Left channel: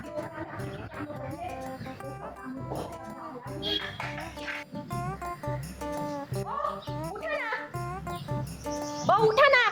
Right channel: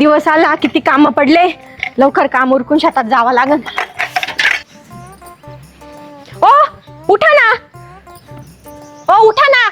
दिवस आला किती काम पडले. लवकर काम उरकून शेतात जावं लागल. ओ उठा ना. ओ उठा ना.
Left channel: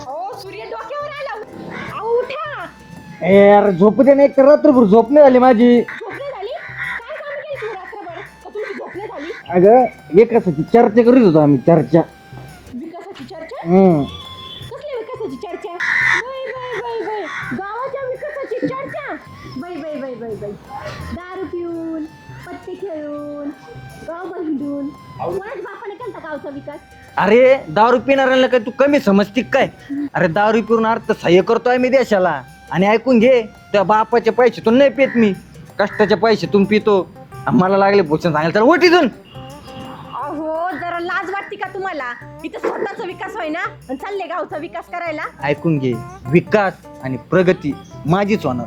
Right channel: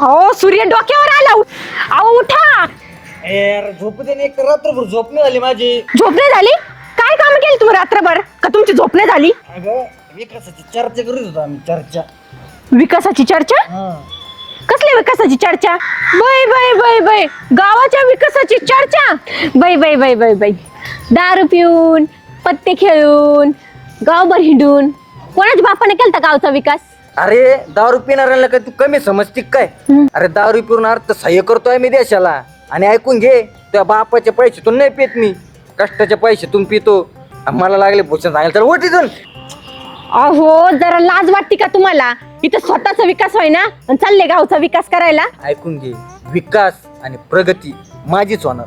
हो सूर्य डोक्यावर आला. अहो उठा. ए यार झोपू दे ना एक तर रात्रभर झोप नाही झाली माझी. झोप नाही झाली? काय काम केली तुम्ही रात्रभर? का तुमची झोप नाही झाली? अगं विकासाची चर्चा करीत होतो आम्ही चर्चा. विकासाची चर्चा? हम्म. कसल्या विकासाची चर्चा? बाय बाय बाय बाय गावाच्या विकासाची चर्चा? बाय बाय बाय बाय बाय दारू पिऊन पत्ते खेळून गावभर हिंडून. कोणाच्या बापाने केलता गावचा विकास? अरे दारू पिणाऱ्यांना काय तू कमी समजती काय? अरे दारू पिऊन अर्थ सह्य करतोय मी देशाला. आणि ऐकून घे त्या बापाचे पैसे तू नाही पित मी. कष्टाचे पैसे तुम्ही पितो. आणि मला लागले भूषण सांगायला चल ओट इथून. अहो जरा लाज वाटते का तुम्हाला? इथं स्वतःचा विकास होय ना आणि चालले गावचा विकास करायला. ऐकून घे. विकास आणि प्रगती माझीच होणार.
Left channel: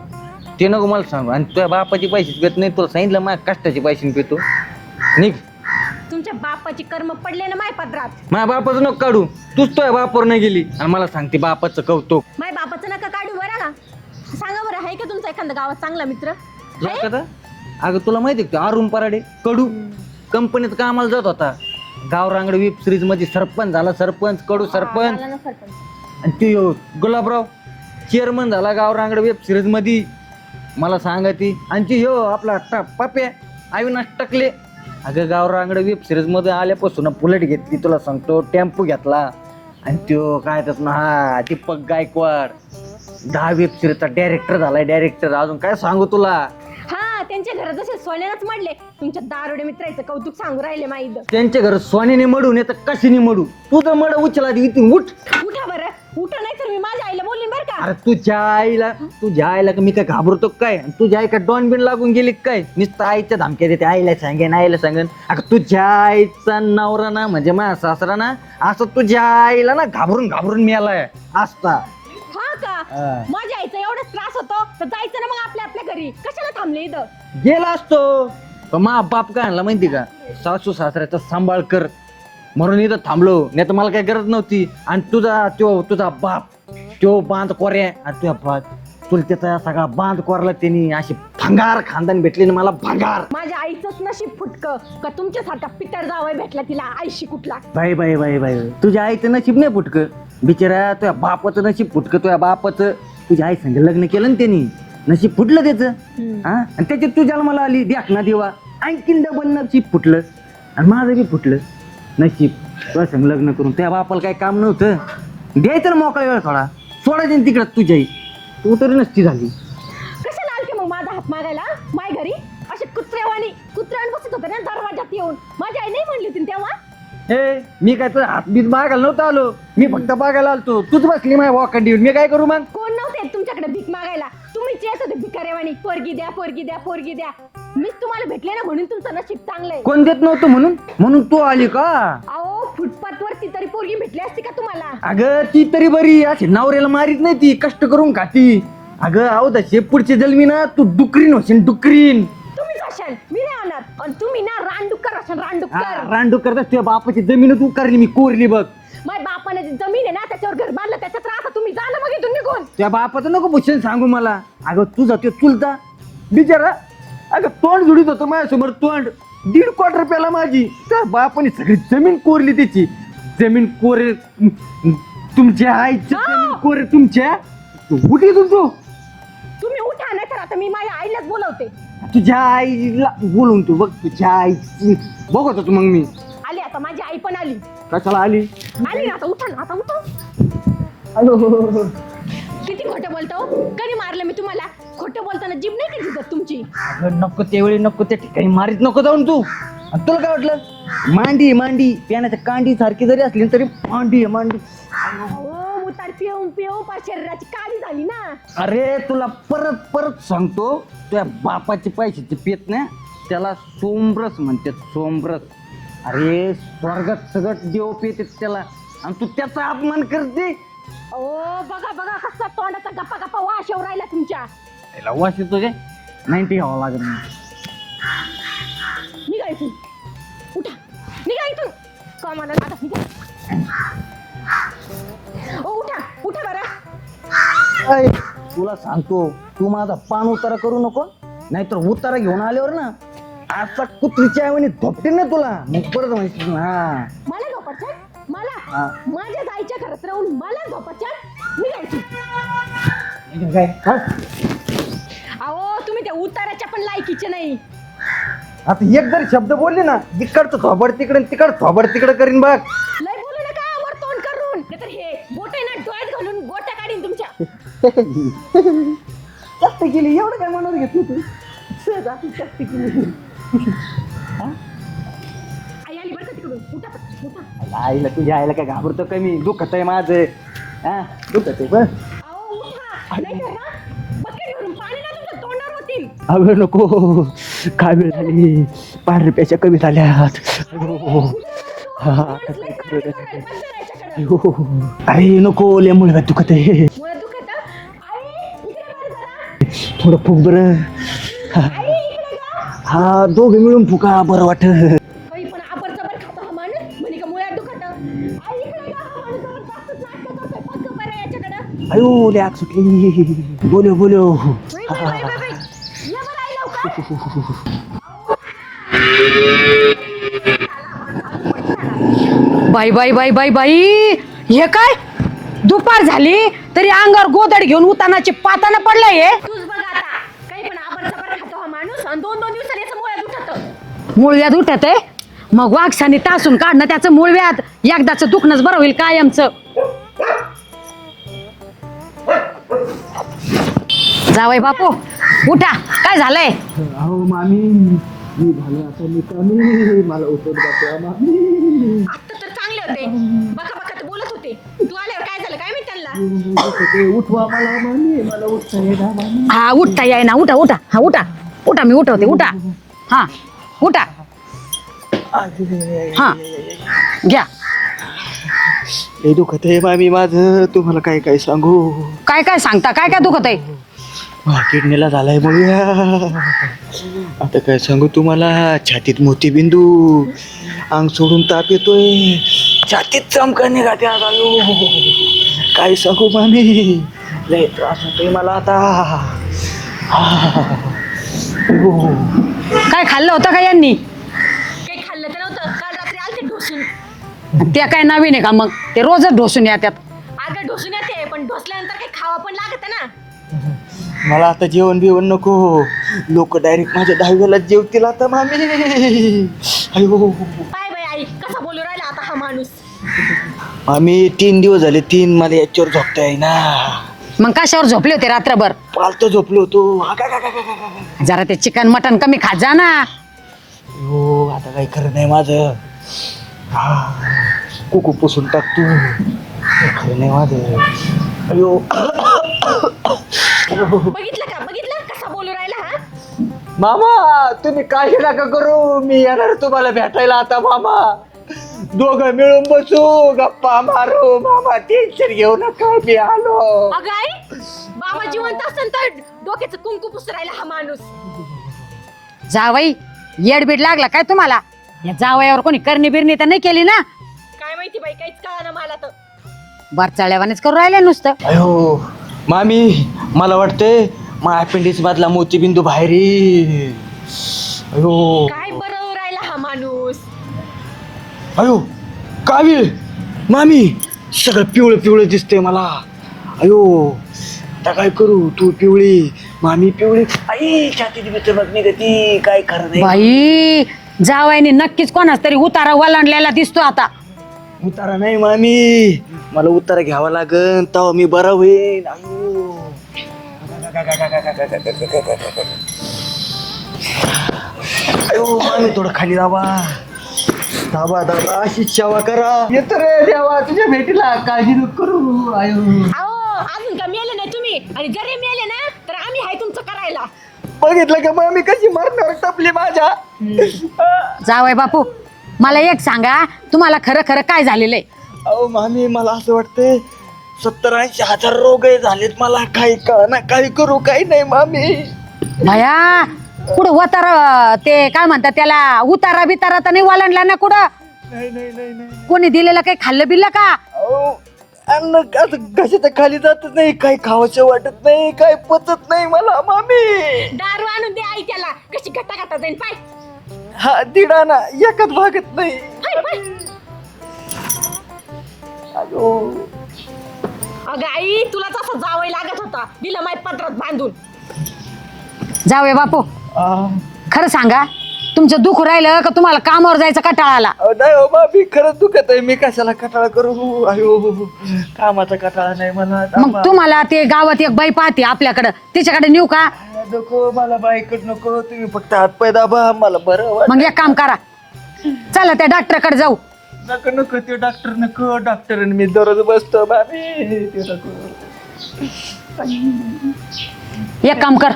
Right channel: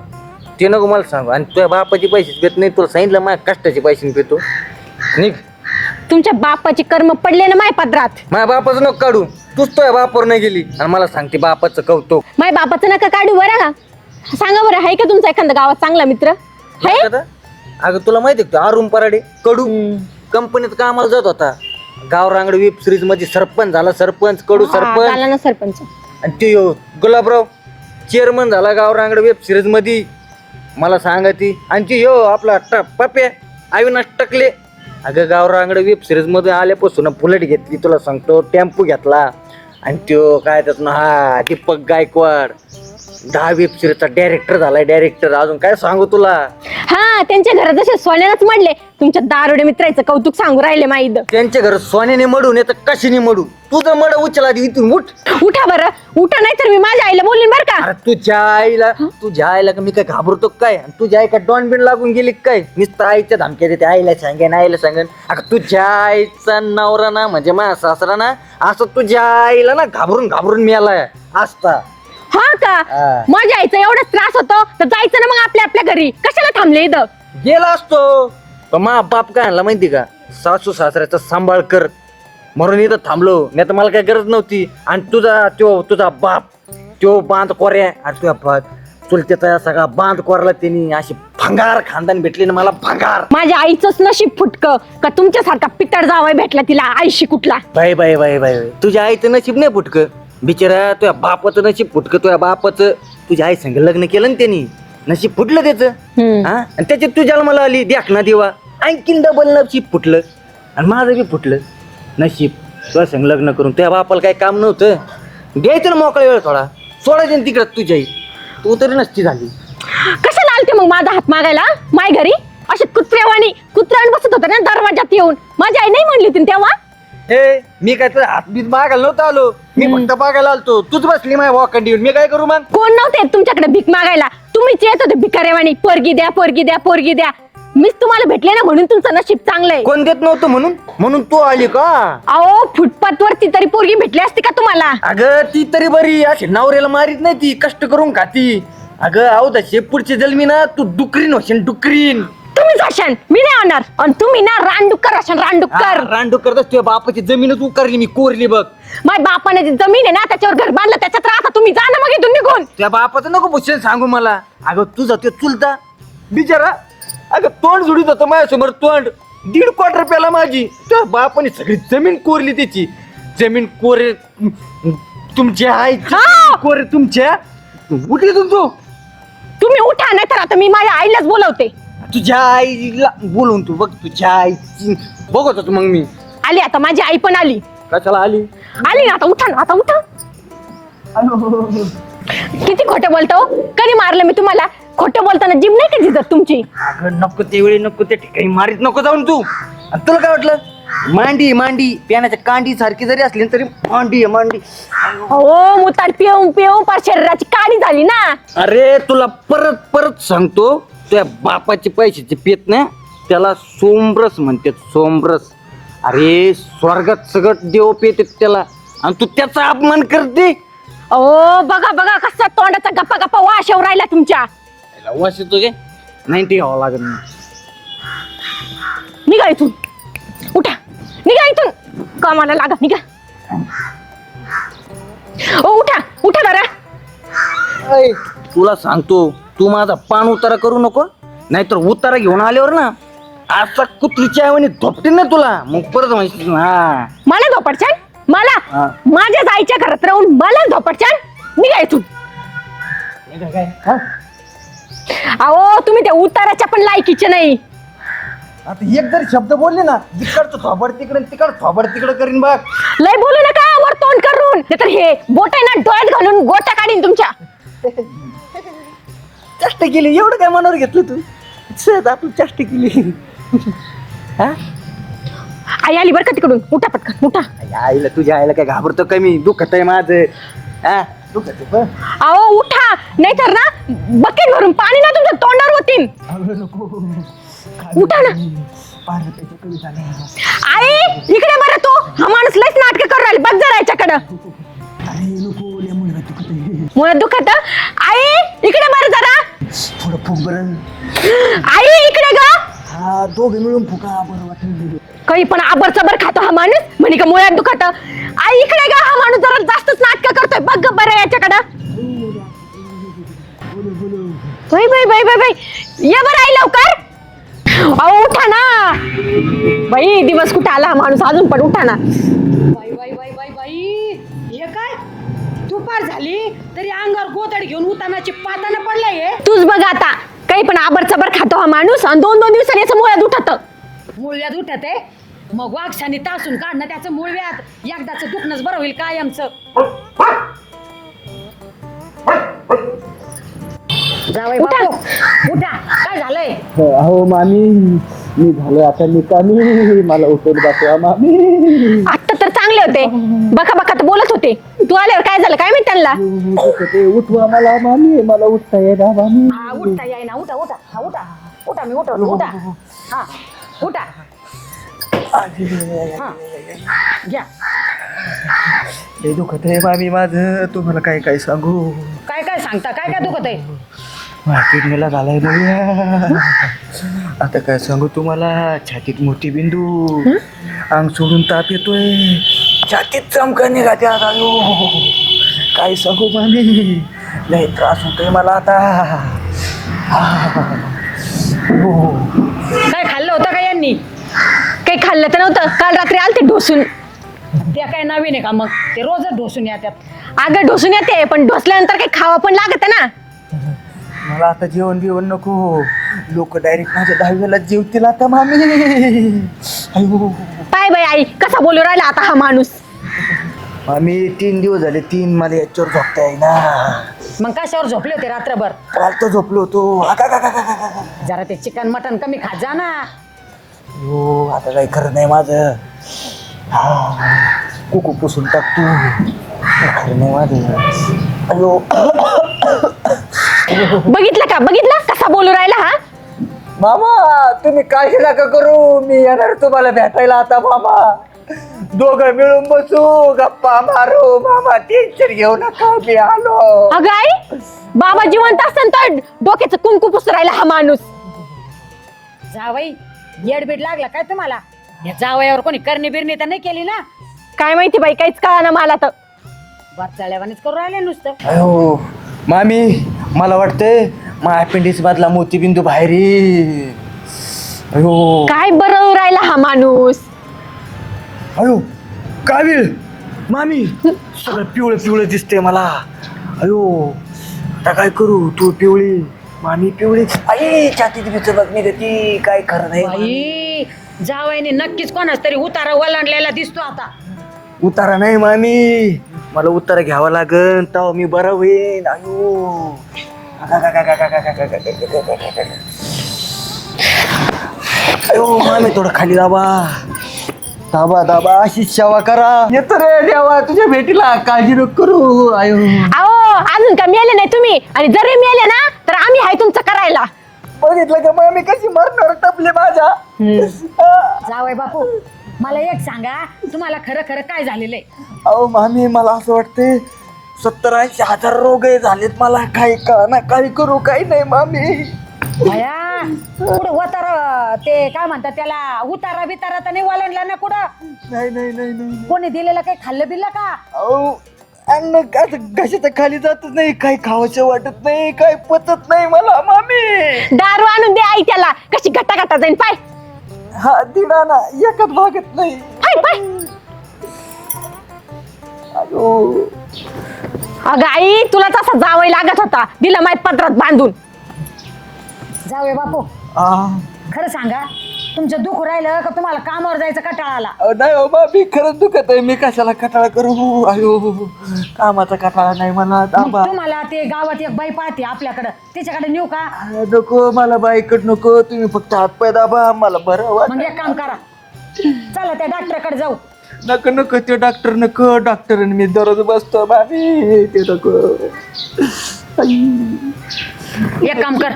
ते नको मला सांगू. आणि तुझ्या बापाचे पैसे घेत नाही तुला सांगितलं माझ्या कष्टाचे पैसे पितो. निघ. तुमच्या बापाचे कर्म पडले ना माय पदरात? माझ्या बापाचं नको काढू. तूच तुझ्या बापावर नाही गेली. आणि मला सांगते बापाचं कौतुक. माय बापाचं नका काढू बरं. का सांगा बरं आहे का तुमचा एखादा गावात चांगला मित्र? आहे? अगं तुला माहिती आहे का अरुण पराडे? कडू. कंपनीत कामाला जात होता. गाव रांगड वेब सिरीजमध्ये सरपंच झाला सरपंच कडू सरपंच. झाला ना सरपंच. आणि ते गुलाबराव चेअरमन झाला गाव रांगड वेब सिरीजमध्ये. मला सांगा ती. आणि ती ह्यो आपला ट- पप्या अविनाश टकले. अगं गाव रांगड वेब सिरीजमध्ये आल्यापासून बुलेट घेतली तुला सांगतो टेम्पो घेतला. आणि त्यो काय त्यात ना हा दीपक गायकवाड. दहा वेब सिरीजचा डायरेक्टर झालाय डायरेक्टर अजून काय सांगू तुला? हा त्यांच्या घरात जसे सोन्यानंच म्हणले तुमच्या दारुडे मित्राचं कौतुक सांगू राहिले माईद. त्यांच्या घर सोन्याने मडून येतं कशीने मडू तुझं मड उचला आधी इथून उठ. उठा बरं. उठा नाही तर मी माझ्या आईला बोलीन बरं का? अरे तुझ्या आईला तुझ्या आईला का मी काय घाबरतो काय? आणि तुझ्या आई का डॉन बिन लागून गेली काय? नुसतं आईच्या धमक्या देते आईला सांगेन आईला सांगेन. अगं तुझ्या आईचा नवरा ना म्हणजे माझा सासरा ना असं तुझ्या आईला ना घाबरून घाबरून मिळालाय असता. हा का? हा. माझ्या आईचा एवढाच त्रास होतो. तर जायचं ना मग आपल्या आपल्या घरी. कशाला थांबले इथं? गेला असतो. पण मा बाप काय आणला माहिती का? सासू सासऱ्याचा सांभाळ कर. म्हणून इथं थांबलो. नाही तर मला काही गरज नव्हती. आणि तुझा तो तुझा बाप तो बांध कोऱ्या आणि तुझ्या बाप चुलत्याचा सगळा बांध कोरला त्यांनी. अशी भंगार खानदान भेटली ना मला भंगार. माझ्या आईचंच नशीब फुटक. का तुमच्यासारखा पितळ जावाय भेटला तिला आईशी कुठला? बाय बाय बाय बाय तुझ्या आईचं नशीब नाही फुटक. बिचारा तुझ्या बापाचं नशीब फुटक तुझ्या बापाचं. तुझ्या आई संग लग्न केलं ना त्यांनी. नशीब फुटलं त्याचं. हा? आणि त्याच्यात तुझ्याला मला आली द्याक ना देवा. आणखीन डबल नशीब फुटलं. आणि माझं बी फुटलं. नशीब. तुझ्या संग लग्न करून. त्या बापाला काही काम नव्हतं. द्यायचं ना मोकळा वेळ थोडा. सोडायचं ना तिकडं तुझ्या आई. तू तरी नसती झाली. कशाला आलते मग माझा हात मागायला? माय घरी? असे कुत्र्यावाणी कुत्र्यावाणी बसत होता ना दरवाजात येऊन. माझी आई नाही म्हणली होती ना तेव्हा? हे मी काय तर हात बीत मागायला नव्हतं आलो. मी फक्त बघायला आलतो. तूच बसली माझ्या वॉकंडी मी काय करू मग? कोण नव्हते तुमच्याकडे भीक मागायला? तुम्हीच येत होते भिकाऱ्यावाणी. पोरगी द्या पोरगी द्या पोरगी द्या. मीच तुम्हाला भेटले ना म्हणून तुमचं नशीब चांगलंय. कोण देत नव्हतं म्हणून? म्हणून तू आली का? अहो फुटपाथ वरती तरी पोरगी भेटली असती का तुम्हाला? अगं ती तरी बरी. अशी नवऱ्याला मारीत नाही ती. कष्ट करून खाती. अगं आहो तसे पुढची जन्मी ना तू डुकरीन होशील डुकरीन. अशान मी नाही होणार आणि तुम्ही ना रानडुक्कर अशान रानडुक्कर. रांडू करत तुझ्या बापाची जमीनच उकारली मी कोरली बघ. माझ्या बापाने जी जमीन आहे ना त्याच्यावर घर बांधलं त्याच्यात राहता तुम्ही जा ना मग इथून निघून. त्या बापाचं नको भूषण सांगू मला. अगं तुझा ते चुलता. बिचारा अगं तोंड जुडीत होतं माझ्यासमोर तोंड. दीड क्वार्टर प्याला माझी. त्या बापाने सगळी जमीन कोरली त्याची जमीन कोरे तुमच्या आई! कोरे तुमच्या. कुठे तू तुम्ही उठा नाही तर आता मी माझ्या आईलाच बोलवते. तुझ्या आईला बोलवून तू बघ तुझ्या आईची बघत होतो मग मी. आली आता माझी आई पण आली. कशाला आली? आली ना आता उठा ना आता उठा. किती खोटं बोलतो? कधी मारलं मी तुम्हाला? खोटं बोलताना जिम नाही का दिसत तुमची? अगं नको त्यावेळी नको त्या ठिकाणी मारीत नको जाऊन तू. आणि तुला काय वाटलं? मांडी मांडी. पियाण्याच्या कांडी सारखी जरी असली तरी मांडी आहे, मांडी. हो मुताड पिऊन पिऊन पार शरीराची काळी झाली ना. अरे तुला परत परत सांगतो. त्या बापाचे पैशाचे पेत ना त्याला सोमरस म्हणते सोमरस. अरे स्वर्गात सगळं देव पेत त्याला. आणि तू त्याचा अपमान करते? ओ बघा बघा कसा तोंडाचा गप्पा गप्पा वाश येऊ राहिला तुमच्या. त्याला वास येतो काय? नाही ते घ्यावं लागत निघा इथून. उठा. निघा इथून. कामाला लागा निघा. ओ उठा. उठा बरं ऐ, तुला सांगतो तू माझा पान उतारा करू नको नाहीतर उतारा घेऊन आल्यावर ना असा कुत्रीच्या आईवानी धोपटीन ना तुला. मग परत म्हणशील हा मला धोपटछान मला हा. माझ्या आईच्या घरात राहून मला धोपटछान निघायचो हा? अहो तुम्ही त्या उताराच्या पण लायकीचे नाही. आता एक जरी शब्द बोलले ना तिकडचं थोबड तिकडे तिकड थोबड तिकडे करीन बघ. लय बोलू नका वर तोंड करून. नाहीतर हे बोट आहे ना डोळ्यात घालून गोटा काढीन तुमच्या. चेष्ट केली. एवढं काय मनावर घेतलं तू? सहज आपली चेष्ट केली. हा? आई आली बरं का तिकडून? उठा पटकन उठा. आई- आईला तुझ्या आईला काय घाबरतो कमी दुखत आहे माझं. हा? दुखत आहे बघ. अहो उठा. नाहीतर ना बकेट भरून पाणी ना तुमच्या तोंडावर होतीन अगं नको. काय उठा ना. मी? पाच रुपयाच्या कमी झाल्या आई इकडे बरं तो. हा. माणूस लयच नाटक करू राहील. बघ जरा याच्याकडं. अरे नको. लय मुळे दुखत आहे. मुळात दुखत? आई इकडे बरं जरा. थोडं फुक बरं. आई इकडे ग. हा दोघे मिळून फुका बरं वाट काही पण आबर चबर खातो हा माणूस. म्हणे का मुळ्यात दुखत. आई इकडे गा हा माणूस जरा जास्तच नाटक करतोय. बघ ग बरं याच्याकडं. अयो लय आग सुटली बोलो बोलो बाई बाई बाई बाई बाई. ये बरं आई लवकर. अहो उठा ना. बाई दिवस कुठे आला हा माणूस? अजून पण उठा ना. बाई बाई बाई बाई बाई. हे काय? दुपार झाली तरी अंगावर गोदड घेऊन उतानाचे पाताना पडलाय हे. तूच बघ आता काही पण आबर चबर खातो हा माणूस आणि दोन दोन दिवसांनी याचं मुळ्यात उठत. मूळव्याध उठत? आहे मग वाघसानी टासून काढणं त्याचं मूळव्याध. एकदाच दुखणंच बरं होईल कायमचं. जावय बापू उठा. काय झालंय? अहो मामी. मी झालो आता निकामी. मला उठवलं दाखवा मामी. चांगले होते. बका बका तर बोलत होते. तू आल्यावर काय झालं? काय माहीत त्यांना? ते उठवा मला मामी मला उठता येणार मामी हा उठता याय ना उठा उठा. हा उठा. उठा मी उठवते. उठा. हा उठा. हा घ्या. लय दुखत आहे मामी माझं. तुम्हाला काय काय सांगू? काय काय सांगता? काय काय दुखत आहे? माझ्या किडनीला झालाय बघूया. आता काय सांगू तुम्हाला? छातीत मोतीबिंदू. अंग सोडून ताप येतोय. छातीत चमका निघाते आता. काय सांगू मामी? लय त्रास होतोय मला आता. काय खाल्लं होतं का यांनी? काही खाल्लं तर नव्हतं. काल रात्री आलते ढोसून. ते काय नवीन आहे का मग? ते रोजच ढोसून येतात. अगं ढोसून येते पण ढोसल्यानंतर काही खावं पण लागत ना. मला आता जेवण बिवण नको. लोक डायरेक्ट माझ्या दहाव्याला जेवतील आता मामी. अयो पाय बाई आई कसा बोलू राहिला आता हा माणूस? मामी तीन दिवस झाले तीन मला याच्यावर झोपता येईना मग कशावर झोपले होते रात्रभर? पालत झोपलो होतो. गा. जरा ते चिकन मटन कमी खात जा ना. हो आता काही खरं नाही माझं. हा, कुकू पुसून टाकतो काही खरं नाही माझं. अयो. बघितलं का? बघितलं? कसा बोलू राहिला हा? मामा तुम्ही काळजी नका करू? मी येणार तुम्हाला भेटायला आता मामा. दोघं मिळून बसू गप्पा मारू. मामा टेन्शन घेऊ नका मी आलो. अगं आई बाबा जिवंत असताना तर डोक्याचं कुंकू पुसू राहिला हा माणूस. जावई येडबीड लागला काय तुम्हाला? या जावयावर कोणी करणी बिरणी तर नाही केली ना? काय माहिती बाई काहीच कळा ना मला तर. बरचाळ्यावानेच करू राहिले नुसतं. अयो मामी मला वाटतंय मा अपेंडिक्स मधला मोतीबिंदू बाहेर येईल. अयो. काय बरं राहिला हा माणूस? अयो कावीळ मामी सगळं पिवळं पिवळं दिसतंय मला. अयो आता काय करू? तू पिवळी मामी पिवळी. आई छातीत बिच बघ ती काय खरं नाही. बाई जावयाने नक्कीच कोणाच तरी उतारा वलांडलेला दिसतो आता. उतारा नाही मामी. मला उतारा घ्यावा लागन तेव्हा मी बरं होईन. अयो. मामी थोडं खाली दाबा. दाबा दाबा अशी सेवा करा. येतो रे देवा तुझ्या भेटीला काळजी नको करू. अयो. अहो अजून का मेले नाही तुम्ही? आणि जरी मेले ना तर आम्ही आहे तुमचं करायला. बघितलं का मामी कशी मरणार टपली माझ्या? जावय बापू मला एक सांगा तुम्हाला खरं खरं काय झालेलं आहे? अहो मामी मला असं वाटतंय सत्तर ऐंशी हजार रोग झालेत मला. काही का ना काही करू काही नाही मामी. भया कुठं उतारा ते काय म्हणतात त्याला उतारा बितारा तर नाही वलांडला ना कुठं? नाही नाही नाही नाही कोणी दिलेलं काही खाल्लं बिल्लं का? अहो अन्न असं घशाच्या खाली जातच नाही काही खावंसं वाटत नाही काय पचत नाही मला मामी. दारू आणून दे आई त्याला. कशी गट्टा गट्टा जाईन पाय. हा दिडा ना एकच भागत नाही. पाय पाय. अगं आई तुला तसा जावं लागत होता. दिला माहीत पत्रात बांधून. जाऊया बापू. खरं सांगा तुमचं दुःख राहिलं का तुम्हाला कामावर जायचं कटाळा आला अहो, नाही हो मामी खरंच दुखत आहे. मी कशाला कटाळा करू? अयो कामाचा कटाळा नाही मला मग. तुम्हाला ते गावात एक बाई पाहते आपल्याकडं. तिच्याकडे नेऊ का? आ, नको मला बाईकड नको. तुम्ही फक्त हातपाय दाबा. मला बरं वाट मग एक काम करा. चला त्या डॉक्टरकडे जाऊ. नको नको ते डॉक्टर नको डॉक्टर मी दररोज बसतो मामी ते नको. एक काम कर.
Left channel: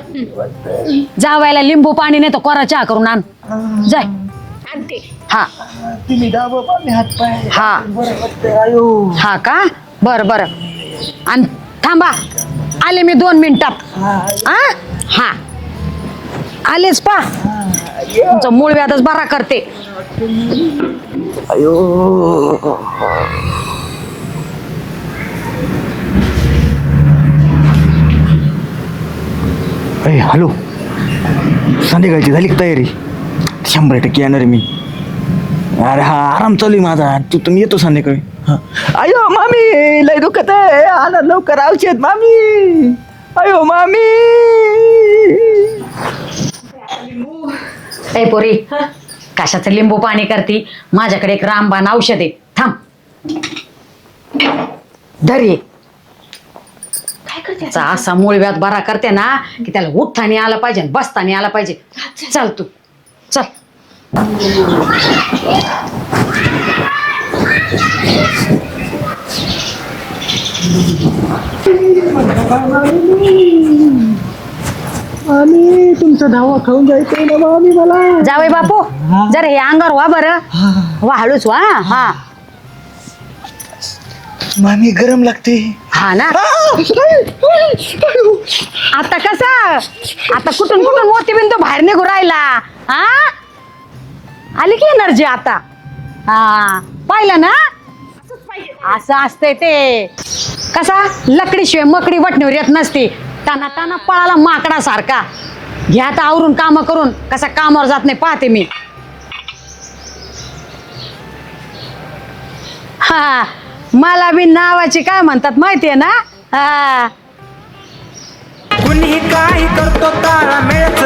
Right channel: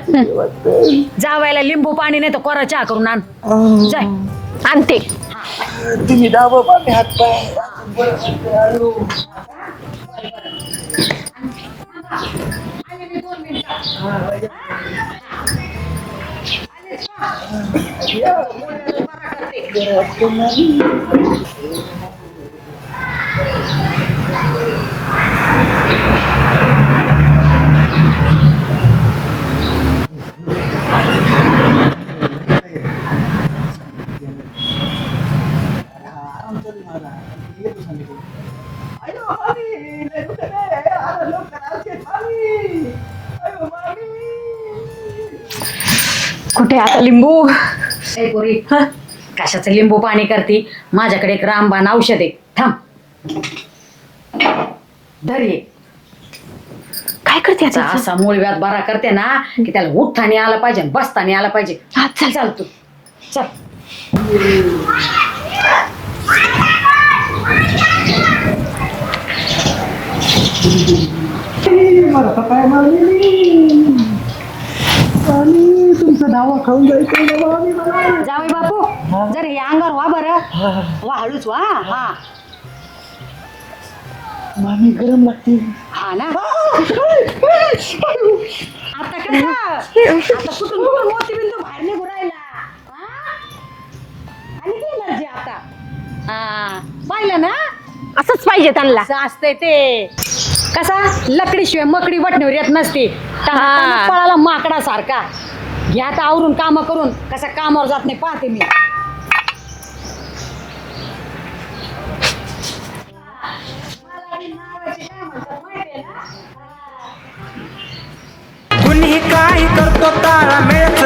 जावायला लिंबू पाणी नाही तर कोरा चहा करून आण. जाय. आणते. हा. तुम्ही दाबा मामी हातपाय हा. बरं वाटतंय, आयो. हा का? बर बर. आणि थांबा. आले मी दोन मिनिटात हा. हा. आलेस पा. तुमचं मूळ व्याधच बरा करते. अयो. अय हॅलो. संध्याकाळची झाली का तयारी? शंभर टक्के येणार आहे मी. अरे हा आराम चालू आहे माझा. तू तुम्ही येतो संध्याकाळी. हा. अयो मामी लय दुखत आहे. आला लवकर औषध मामी. अयो मामी. कुठे आता लिंबू? ए पोरी कशाचं लिंबू पाणी करते? माझ्याकडे एक रामबाण औषध आहे. थांब. धर काय करते त्याचा असा मूळ व्याध बरा करते ना की त्याला उठताना आला पाहिजे आणि बसताना आला पाहिजे. चल चाल तू. चल. मामी तुमचं धावा खाऊन जायचंय ना मामी मला. जावे बापू. जर हे अंगावर वा बरं. वा हळूच वा हा. मामी गरम लागते. हा ना. आता कसा? आता कुठून कुठून मोतीबिंदू बाहेर निघू राहिला? हा? आली की एनर्जी आता? हा. पाहिलं ना? असंच पाहिजे त्यांना. असं असतंय ते. कसा? लकडीशिवाय मकडी वटणीवर येत नसती. टांगा पळाला माकडा सारखा घ्या आता आवरून काम करून. कसा कामावर जात नाही पाहते मी. हा. मला बी नावाची काय म्हणतात माहितीये ना? हा. कुणी काही करतो ताळा मिळत